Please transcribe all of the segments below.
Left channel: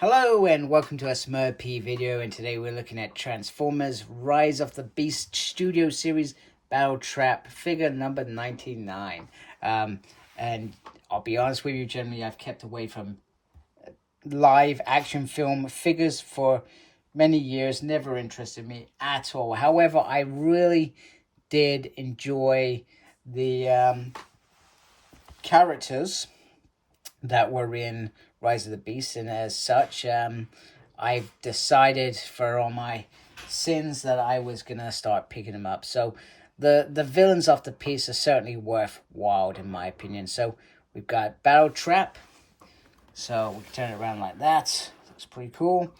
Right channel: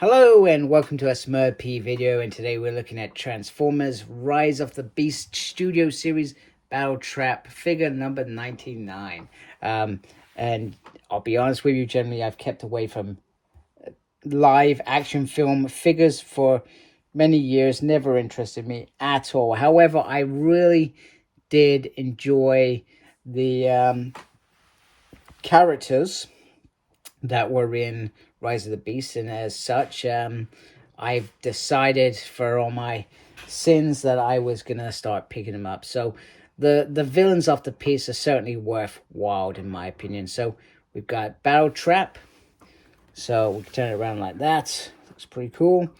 Hello and welcome to a Smurp video, and today we're looking at Transformers Rise of the Beast Studio Series Battletrap figure number 99. And I'll be honest with you, generally I've kept away from live action film figures for many years, never interested me at all. However, I really did enjoy the characters that were in Rise of the Beast, and as such, I've decided for all my sins that I was gonna start picking them up. So the villains of the piece are certainly worthwhile in my opinion. So we've got Battletrap. So we can turn it around like that. Looks pretty cool.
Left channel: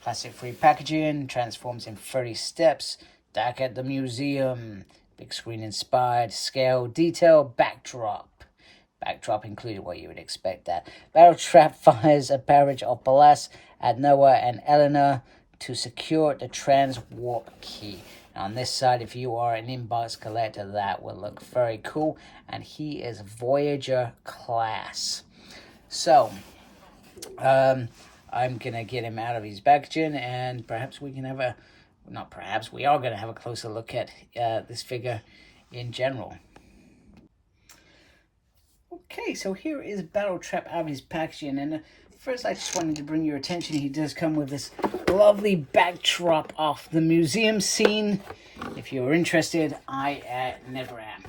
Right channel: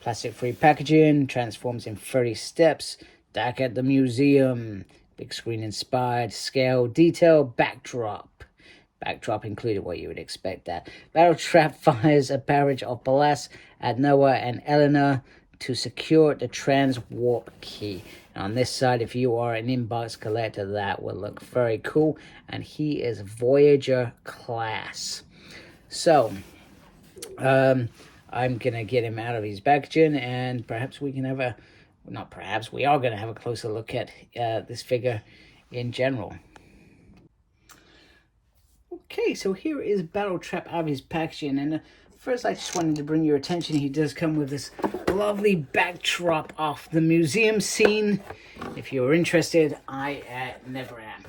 Plastic-free packaging. Transforms in 30 steps. Dark at the museum. Big screen inspired. Scale detail. Backdrop included what you would expect that. Battletrap fires a barrage of blasts at Noah and Eleanor to secure the trans-warp key. And on this side, if you are an inbox collector, that will look very cool. And he is Voyager Class. So, I'm going to get him out of his packaging, and perhaps we can have a... Not perhaps, we are going to have a closer look at this figure in general. Okay, so here is Battletrap out of his packaging, and first I just wanted to bring your attention, he does come with this lovely backdrop of the museum scene. If you're interested, I never am.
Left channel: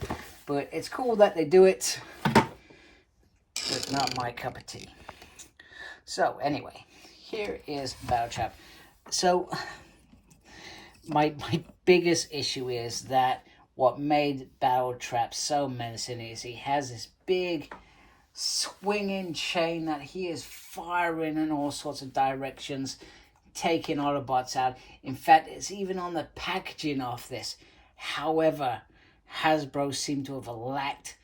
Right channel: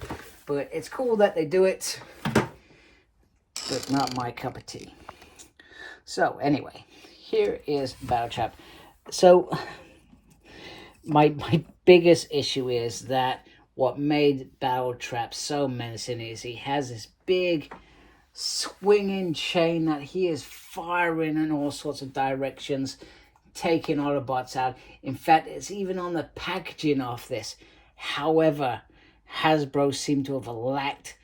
But it's cool that they do it, but not my cup of tea. So anyway, here is Battletrap. So my biggest issue is that what made Battletrap so menacing is he has this big swinging chain that he is firing in all sorts of directions, taking Autobots out. In fact, it's even on the packaging of this. However, Hasbro seemed to have lacked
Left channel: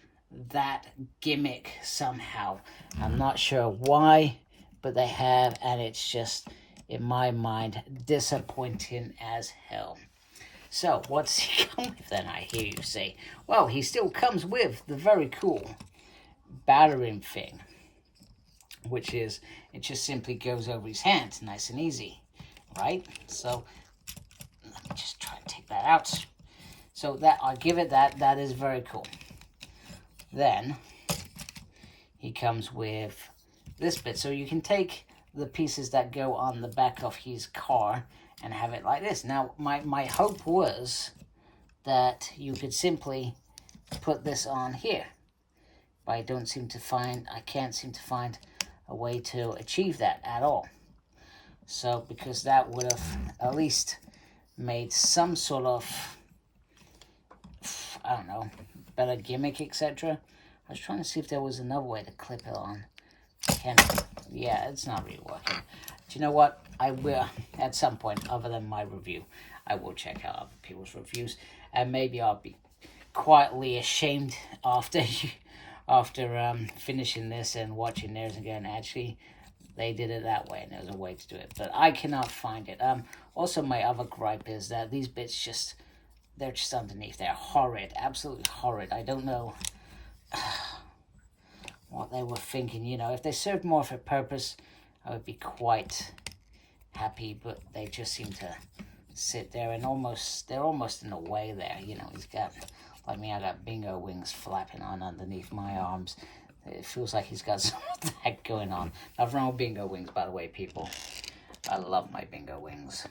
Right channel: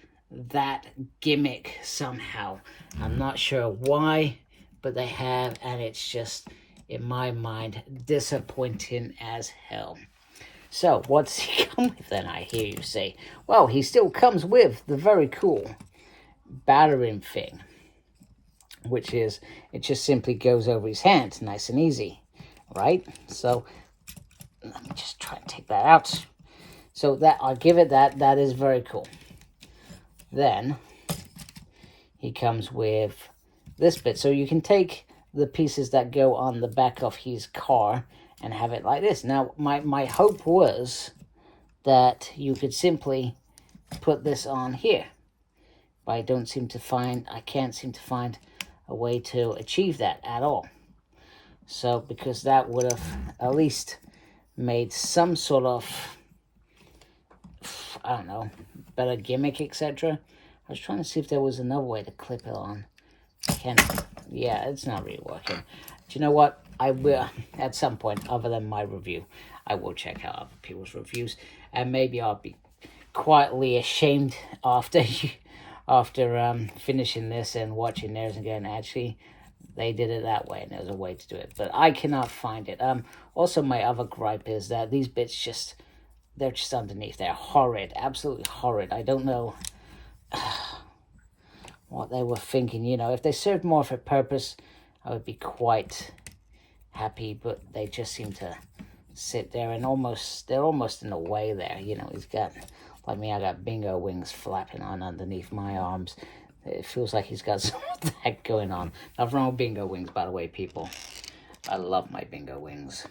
that gimmick somehow. I'm not sure why, but they have, and it's just, in my mind, disappointing as hell. So, what's he come with then, I hear you say? Well, he still comes with the very cool battering thing, which is, it just simply goes over his hand, nice and easy, right? So, let me just try and take that out. So, that, I'll give it that, that is very cool. Then, he comes with this bit, so you can take the pieces that go on the back of his car and have it like this. Now, my hope was that you could simply put this on here. But I can't seem to find a way to achieve that at all. So, because that would have at least made some sort of, I don't know, better gimmick, etc. I was trying to see if there was another way to clip it on. Yeah, it's not really working. Do you know what? I will, at some point, other than my review, I will check out other people's reviews, and maybe I'll be quietly ashamed after finishing this and watching theirs and going, actually, they did it that way, and there's a way to do it, but I cannot find it. Also, my other gripe is that these bits they're just underneath. They're horrid, absolutely horrid. I don't know what they were thinking. You know, if they served more of a purpose, I would be quite happy, but they just seem to sit there and they're almost in the way there. You know, he's got, like me, I got bingo wings flapping on underneath my arms. It feels like he's got some of that going on. Nothing wrong with bingo wings, by the way, people. I love my bingo wings.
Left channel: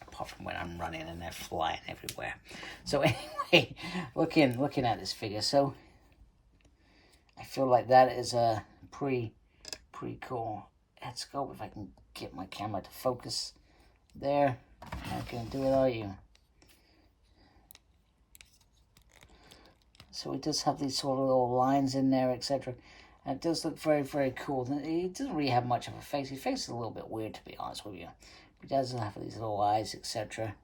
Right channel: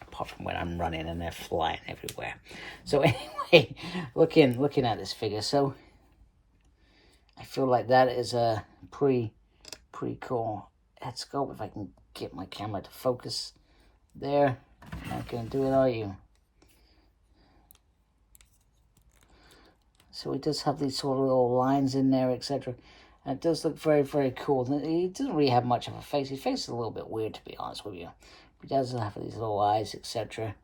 Apart from when I'm running and they're flying everywhere. So anyway, looking at this figure, so I feel like that is a pretty cool head sculpt. If I can get my camera to focus there. Not gonna do it, are you? So it does have these sort of little lines in there, etc. And it does look very, very cool. He doesn't really have much of a face. His face is a little bit weird, to be honest with you. He does have these little eyes, etc.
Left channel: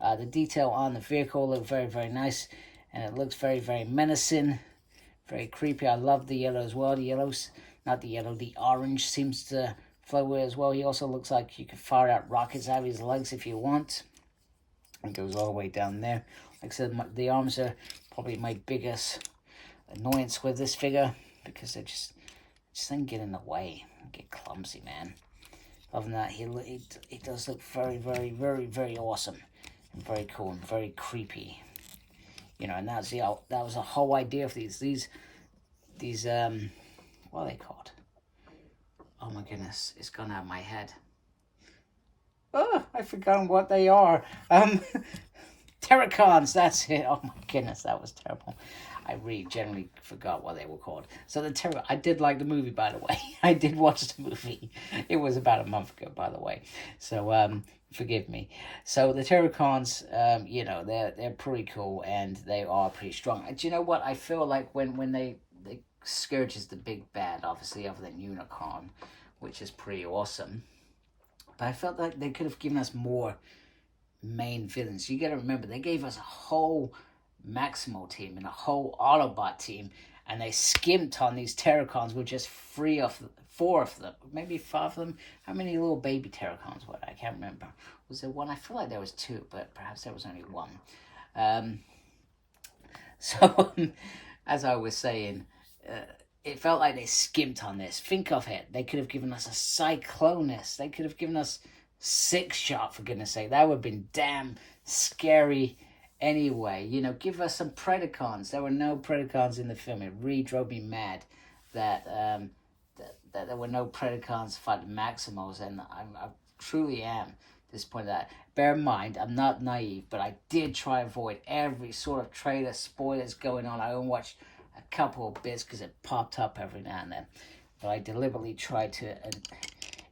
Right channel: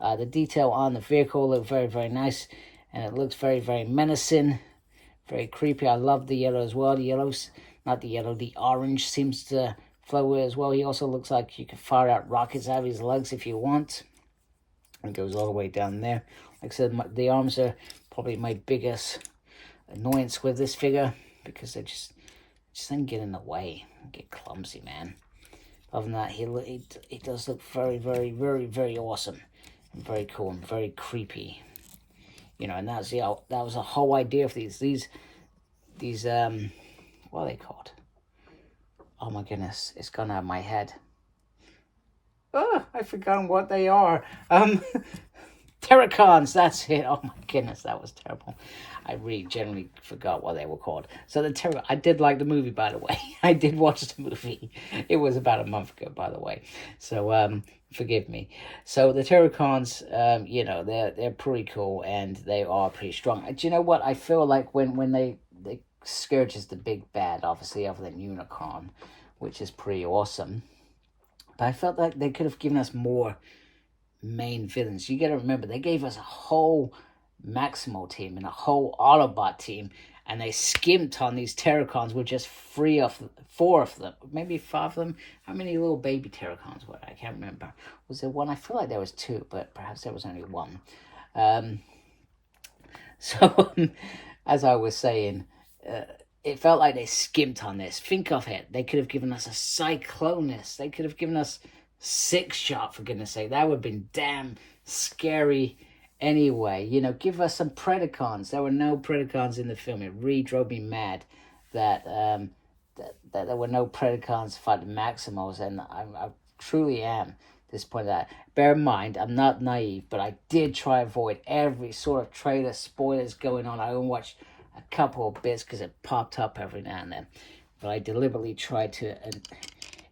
The detail on the vehicle looks very, very nice. And it looks very, very menacing. Very creepy. I love the yellow as well. The orange seems to flow with it as well. He also looks like you can fire out rockets out of his legs if you want. It goes all the way down there. Like I said, the arms are probably my biggest annoyance with this figure, because they just then get in the way and get clumsy, man. other than that, he does look very, very, very, very awesome and very cool and very creepy. You know, and that was the whole idea of these what are they called? Oh my goodness, it's gone out of my head. Oh, I've forgotten what they are. Terracons, that's it. Oh my goodness, that was terrible. I really generally forgot what they were called. So I did like the movie, by the way. I did watch the movie. It was about a month ago, by the way. So forgive me. So the Terracons, you know, they're pretty cool and they are pretty strong. Do you know what? I feel like when they Scourge is the big bad, obviously, other than Unicron, which is pretty awesome. But I felt like they could have given us more main villains. You gotta remember, they gave us a whole Maximal team and a whole Autobot team, and they skimped on these Terracons with just 4 of them, maybe 5 of them. How many little baby Terracons were there? I can't remember. Was there one? I feel like there was 2, but perhaps there was only 1. So as I was saying, it felt like they skimped on this. Think of it. They could have given us a Cyclonus. They could have given us 6-Shot, for goodness sake. That would have been damn scary anyway. You know, give us some Predacons. There were no Predacons in the film. It really drove me mad that that there were no Predacons fighting Maximals, and I truly am disappointed at that. Bear in mind, I'm not naive, but I did try to avoid every sort of trailer spoilers going on. I only watched a couple of bits because it popped up every now and then, but I deliberately tried to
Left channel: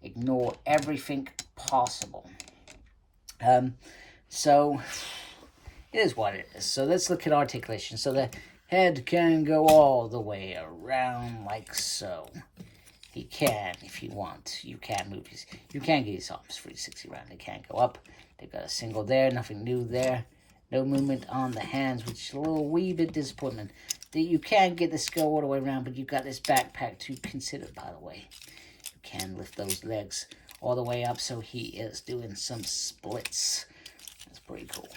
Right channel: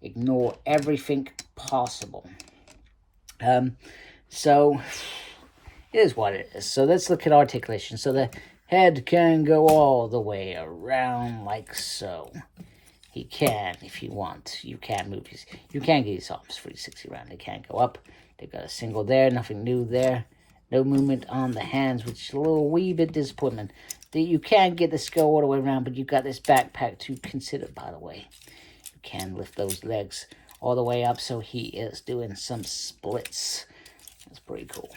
ignore everything possible. So it is what it is. So let's look at articulation. So the head can go all the way around like so. He can, if you want. You can move his. You can get his arms 360 around. They can't go up. They've got a single there. Nothing new there. No movement on the hands, which is a little wee bit disappointment. That you can get the skull all the way around, but you've got this backpack to consider, by the way. You can lift those legs all the way up, so he is doing some splits. That's pretty cool.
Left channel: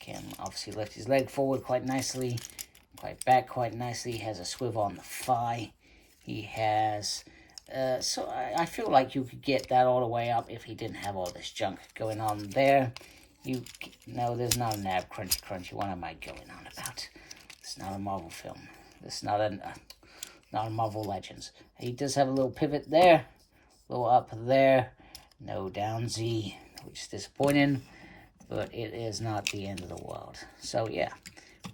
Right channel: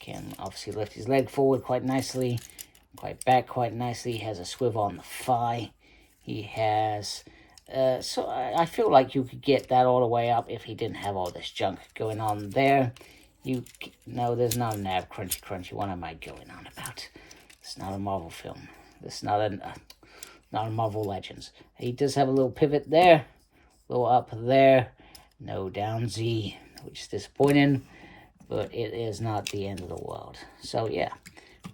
Can obviously lift his leg forward quite nicely, quite back quite nicely. He has a swivel on the thigh. He has, so I feel like you could get that all the way up if he didn't have all this junk going on there. No, there's not a nab crunchy. What am I going on about? It's not a Marvel film. It's not a Marvel Legends. He does have a little pivot there, a little up there, no down Z, which is disappointing, but it is not the end of the world. So yeah,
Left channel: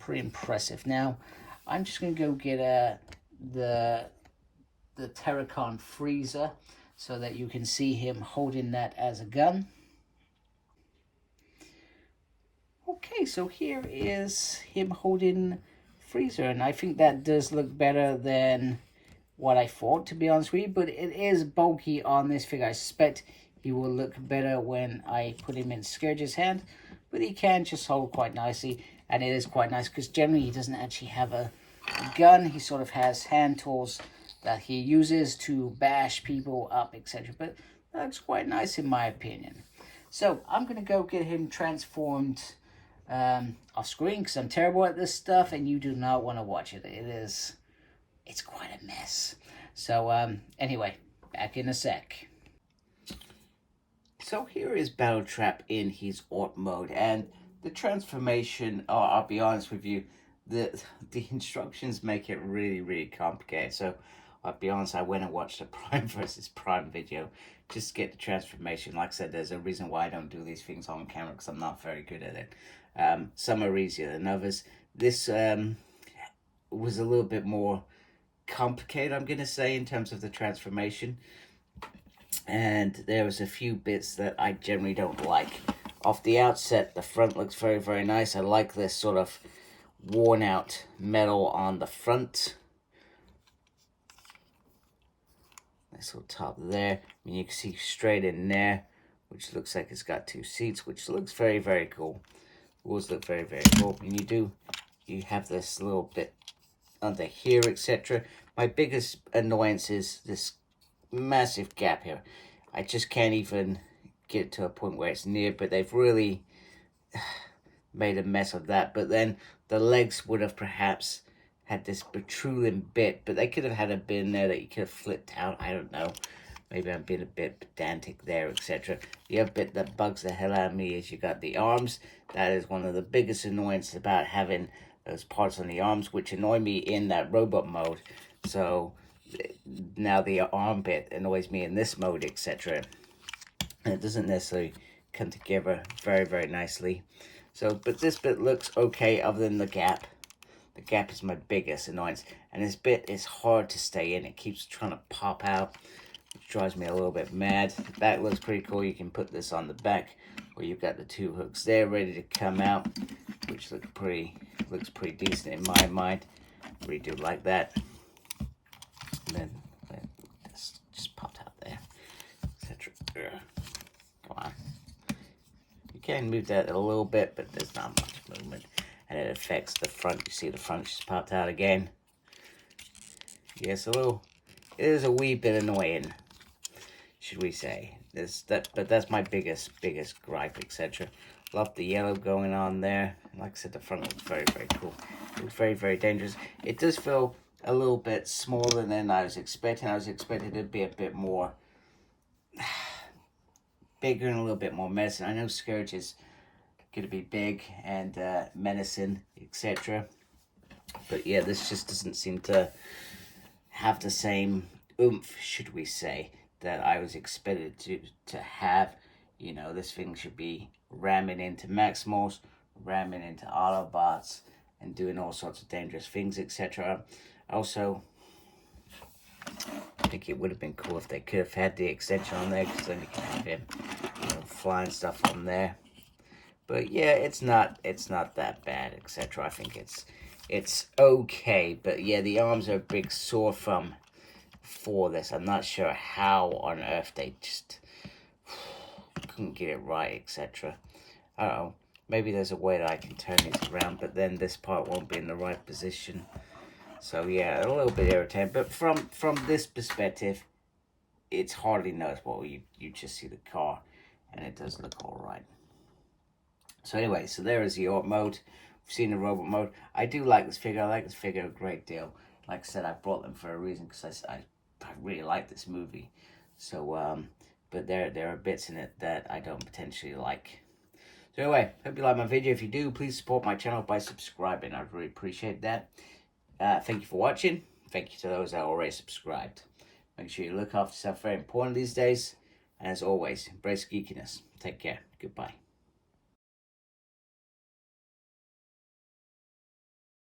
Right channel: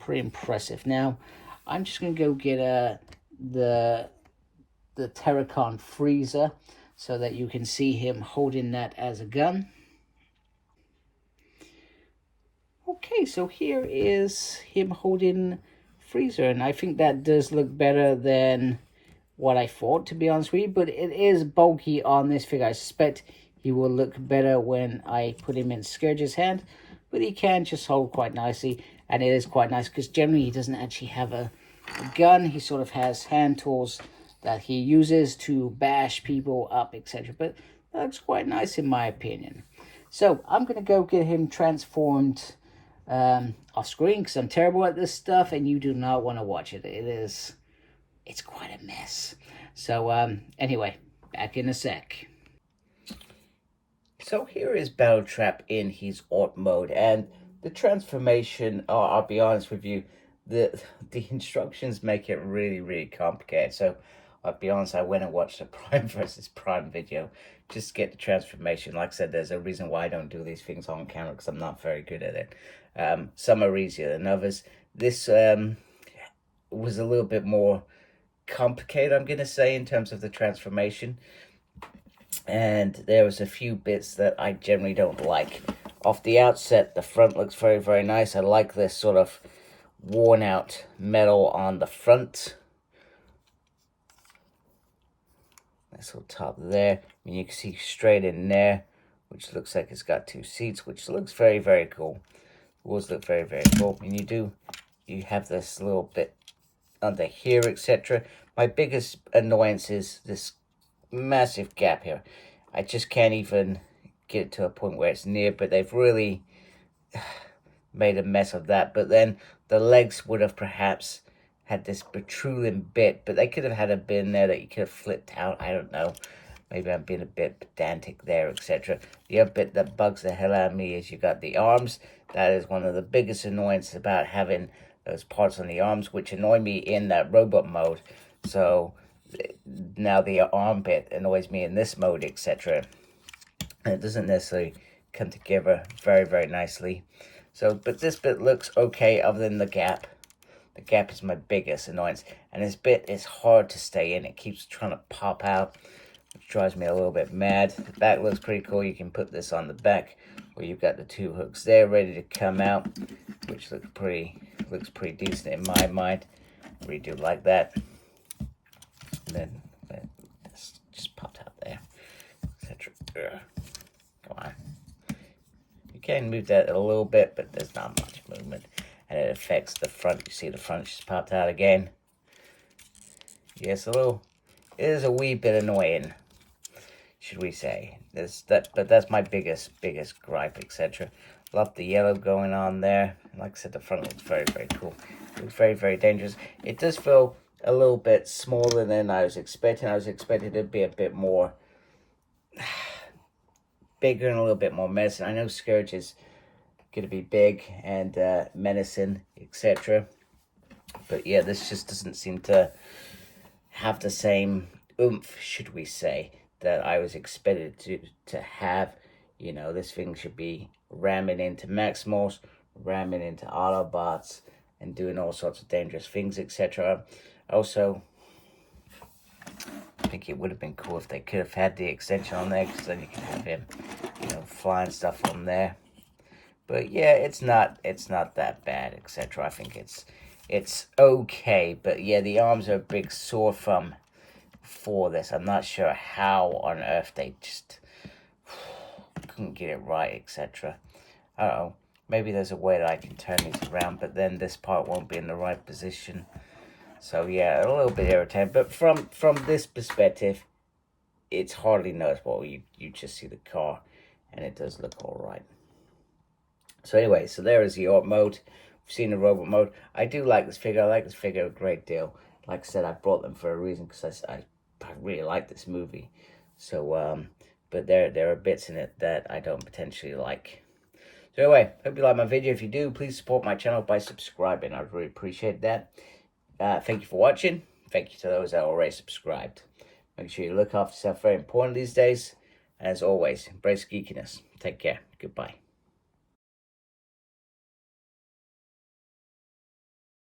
pretty impressive. Now, I'm just gonna go get the Terracon freezer so that you can see him holding that as a gun. Okay, so here is him holding freezer, and I think that does look better than what I thought, to be honest with you, but it is bulky on this figure. I suspect he will look better when I put him in Scourge's hand, but he can just hold quite nicely, and it is quite nice because generally he doesn't actually have a gun. He sort of has hand tools that he uses to bash people up, etc. But that looks quite nice in my opinion. So I'm going to go get him transformed off screen because I'm terrible at this stuff and you do not want to watch it. It's quite a mess. So anyway, back in a sec. So here is Battletrap in his Art mode, and the transformation, I'll be honest with you, the instructions make it really complicated. So I'll be honest, I went and watched a Prime versus Prime video just to get the transformation. Like I said, there's a reason why I don't do these things on camera because I'm not very good at it. Some are easier than others. This was a little bit more complicated, I'm going to say, in terms of the transformation. And there was a few bits that I generally don't like. Off the outset, the front looks very nice. I like this sort of worn out metal on the front. Nice little top there. I mean, you can see straight in there, which looks like it's got 2 seats, which looks very cool. It does look very cool. And you have this little bit under here, etc. My biggest annoyance is this massive gap here. I just can't even get it to a point where it's near, but they've really made a mess of that. But then the legs would have perhaps had this protruding bit, but they could have had a bit in there that you could have flipped out. I don't know. Maybe I'm being a bit pedantic there, etc. The other bit that bugs the hell out of me is you got the arms. That is one of the biggest annoyances about having those parts on the arms, which annoy me in that robot mode. So now the arm bit annoys me in this mode, etc. And it doesn't necessarily come together very, very nicely. So, but this bit looks okay other than the gap. The gap is my biggest annoyance. And this bit is hard to stay in. It keeps trying to pop out, which drives me a little bit mad. The back looks pretty cool. You can put this on the back, where you've got the 2 hooks there ready to come out, which looks pretty decent in my mind. Really do like that. And then this just popped out there, etc. Come on. You can move that a little bit, but there's not much movement. And it affects the front. You see the front just popped out again. Yes, it is a wee bit annoying, should we say. But that's my biggest gripe, etc. Love the yellow going on there. Like I said, the front looks very, very cool. It looks very, very dangerous. It does feel a little bit smaller than I was expecting. I was expecting it to be a bit more bigger and a little bit more menacing. I know Scourge is going to be big and menacing, etc. But yeah, this just doesn't seem to have the same oomph, should we say, that I was expected to have. You know, this thing should be ramming into Maximals, ramming into Autobots, and doing all sorts of dangerous things, etc. Also, I think it would have been cool if they could have had the extension on there, because then you can have him, you know, flying stuff on there. But yeah, it's not that bad, etc. I think it's okay. But yeah, the arms are a big sore thumb for this. I'm not sure how on earth they just couldn't get it right, etc. I don't know. Maybe there's a way that I can turn these around, but then this part won't be in the right position. So yeah, a little bit irritating. But from this perspective, it's hardly noticeable. You just see the car, and it does look all right. So anyway, so there is the art mode. We've seen the robot mode. I do like this figure. I like this figure a great deal. Like I said, I brought them for a reason, because I really like this movie. So, but there are bits in it that I don't potentially like. So anyway, hope you like my video. If you do, please support my channel by subscribing. I'd really appreciate that. Thank you for watching. Thank you to those that already subscribed. Make sure you look after yourself. Very important these days. And as always, embrace geekiness. Take care. Goodbye.